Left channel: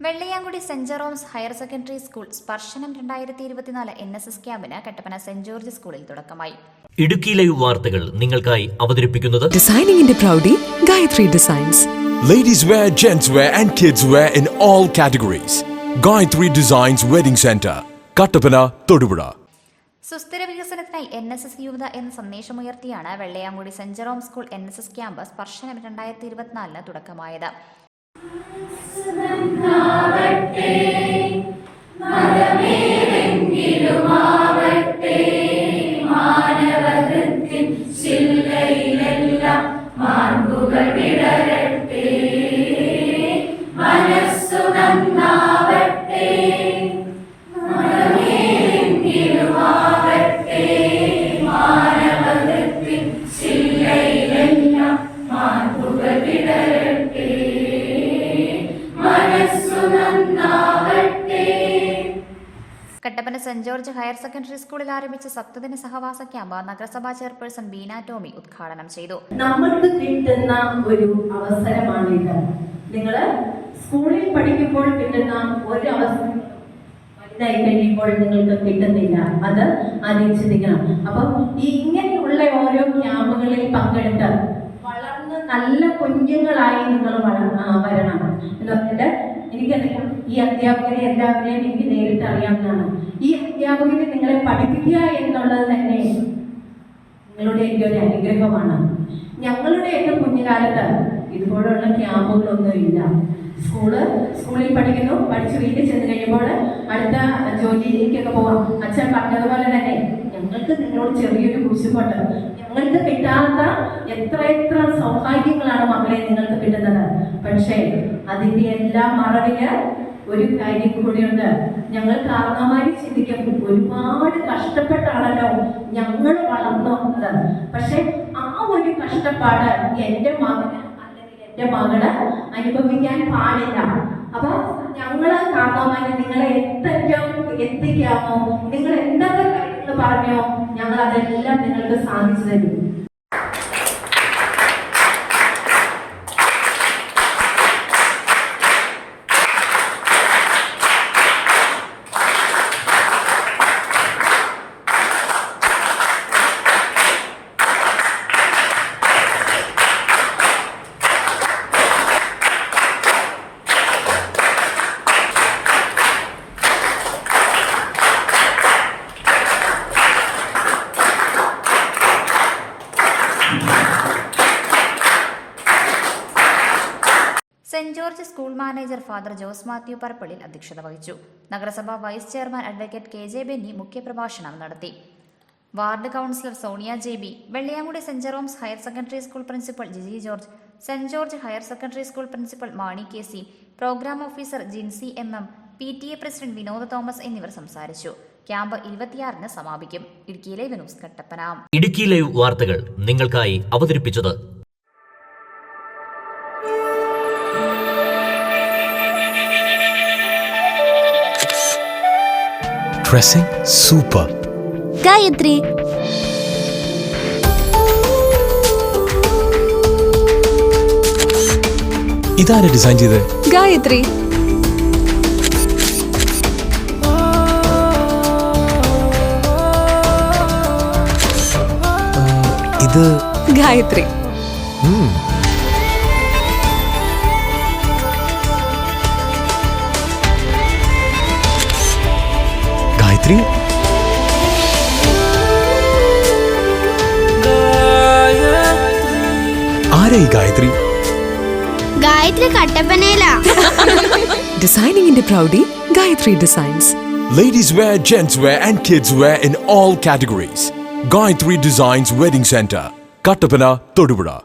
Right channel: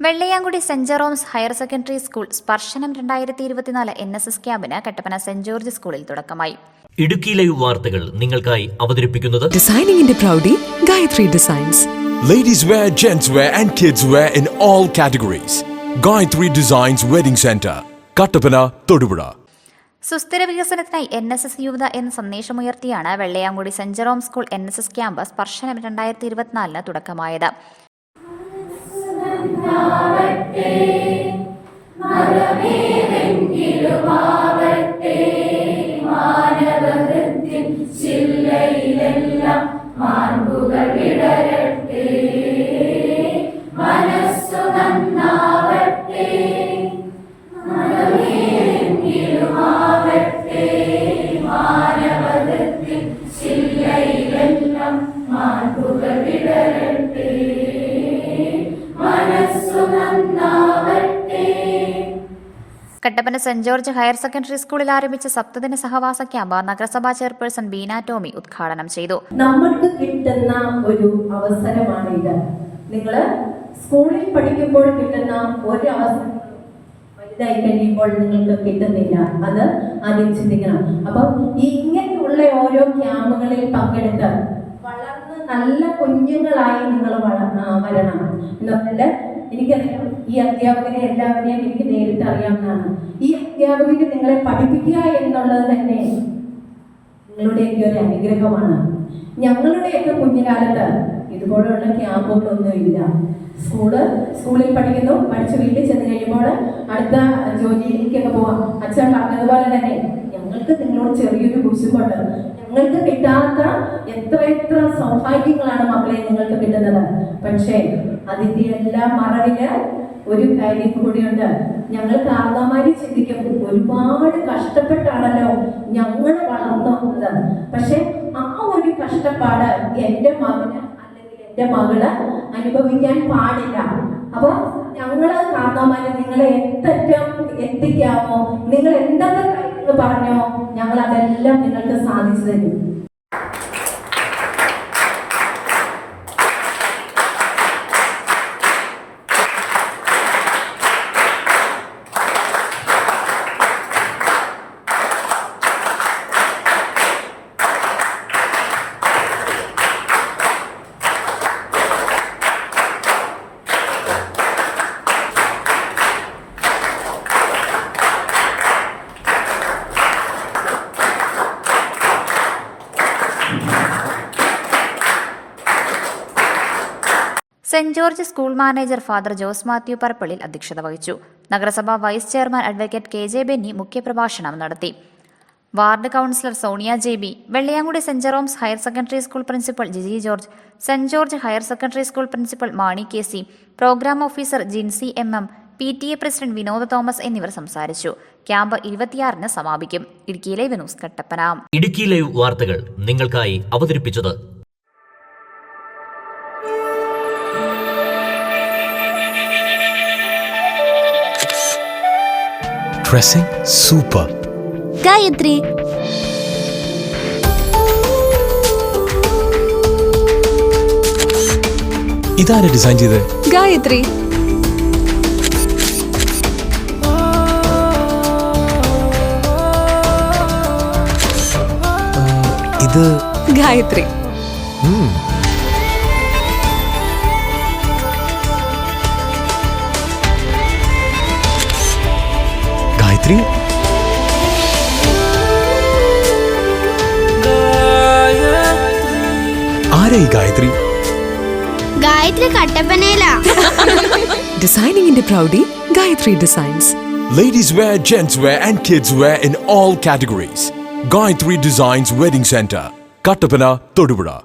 Vellayamkudi saint Jerome's higher secondary school Sparshanam രണ്ടായിരത്തി ഇരുപത്തിനാല് N S S ക്യാമ്പിന് കട്ടപ്പന സെന്റ് ജോർജ് സ്കൂളിൽ തുടക്കമായി. ഇടുക്കി ലൈവ് വാർത്തകൾ നിങ്ങൾക്കായി അവതരിപ്പിക്കുന്നത് ഡിസൈനിങ്ങിന്റെ പ്രൗഢി Gayathri designs ladies wear gents wear and kids wear in all categories Gayathri designs wedding centre Kattappana Thodupuzha സുസ്ഥിര വികസനത്തിനായി എൻ എസ് എസ് യുവത എന്ന സന്ദേശമുയർത്തിയാണ് Vellayamkudy Saint Jerome school N S S camp സ്പർശനം രണ്ടായിരത്തി ഇരുപത്തിനാലിന് തുടക്കമായത്. Nalati Madamir. Kattappana Saint George higher secondary സ്കൂളിൽ ആരംഭിച്ച സപ്തദിന സഹവാസ ക്യാമ്പ് നഗരസഭാ ചെയർപേഴ്സൺ ബീന ടോമി ഉദ്ഘാടനം ചെയ്തു. നമുക്ക് കിട്ടുന്ന ഒരു അവസരമാണിത് നിങ്ങൾ സ്കൂളിൽ പഠിക്കുമ്പോൾ കിട്ടുന്ന ഒരു അവസരം വലുതായി കഴിയുമ്പോൾ നിങ്ങൾക്ക് കിട്ടുന്നില്ല. അത് ആദ്യം ചിന്തിക്കണം അപ്പം ഇങ്ങനെയുള്ള ഓരോ ക്യാമ്പുകളിൽ പങ്കെടുത്ത് വളർന്ന് നല്ല കുഞ്ഞുങ്ങളായി നിങ്ങൾ വരണം. എന്ന് പറഞ്ഞിട്ട് എനിക്കറിയാം ഈ അധ്യാപകരെ എല്ലാവരെയും എനിക്ക് നേരിട്ട് അറിയാവുന്നതാണ്. ഈ അധ്യാപകരെ നിങ്ങളെ പഠിപ്പിക്കുക എന്നുള്ളത് തന്നെ നിങ്ങളുടെ എന്റെ ഒരു അനുഗ്രഹമാണ്. ഞങ്ങളുടെയൊക്കെ കുഞ്ഞുകാലത്ത് ഇതുപോലുള്ള ക്യാമ്പുകളൊന്നും ഇല്ല. സ്കൂൾ സ്കൂളിൽ പഠിക്കുന്നു പഠിച്ച് വീട്ടിൽ ചെന്ന് കഴിയുമ്പോൾ അടുത്ത ജോലിയിലേക്കൊക്കെ പോവാം. അച്ഛൻ പറഞ്ഞതുപോലെ തന്നെ ഞങ്ങൾക്ക് നിങ്ങളോട് ചെറിയൊരു കുശുമുണ്ട്. ഞങ്ങൾക്ക് കിട്ടാത്ത എത്ര എത്ര സൗഭാഗ്യങ്ങളാണ് മക്കളെ നിങ്ങൾക്ക് കിട്ടുന്നത്. പക്ഷേ അതിന്റെ എല്ലാ മറവിൽ ഒരു കാര്യം കൂടിയുണ്ട്. ഞങ്ങൾ കാരണവന്മാര് ചിന്തിക്കും ഒരുപാട് കഷ്ടപ്പെട്ടാണല്ലോ ഞങ്ങൾ വളർന്നു വന്നത്. പക്ഷെ ആ ഒരു കഷ്ടപ്പാട് എന്റെ മകന് അല്ലെങ്കിൽ എന്റെ മകൾ അനുഭവിക്കാൻ പാടില്ല. അപ്പൊ ഞങ്ങൾ കാരണവന്മാര് നിങ്ങളെ എത്തറ്റം എത്തിക്കാമോ? നിങ്ങൾ എന്തൊക്കെ കാര്യങ്ങൾ പറഞ്ഞോ? ഞങ്ങൾ അതെല്ലാം നിങ്ങൾക്ക് സാധിച്ചു തരും. Saint George school manager father Jose Mathew Parappallil അധ്യക്ഷത വഹിച്ചു. നഗരസഭാ vice chairman advocate K J Benny മുഖ്യപ്രഭാഷണം നടത്തി. Ward councillor Sonia J B Vellayamkudy saint Jerome's higher secondary school principal Giji George saint George higher secondary school principal Mani K C programme officer Jincy M M P T A president Vinod Thomas എന്നിവർ സംസാരിച്ചു. Camp ഇരുപത്തിയാറിന് സമാപിക്കും. Idukki live news Kattappana. Idukki live വാർത്തകൾ നിങ്ങൾക്കായി അവതരിപ്പിച്ചത് Dressing super Gayathri. ഇതാരെ design ചെയ്തത് ഗായത്രി. ഇത് ഗായത്രി. ഗായത്രി ആരായി ഗായത്രി ഗായത്രി കട്ടപ്പനയിലാ ഡിസൈനിങ്ങിന്റെ പ്രൗഢി Gayathri Designs Ladies wear, gents wear, and kids wear in all categories. Gayatri Designs Wedding Center, Kattapana, Todupura.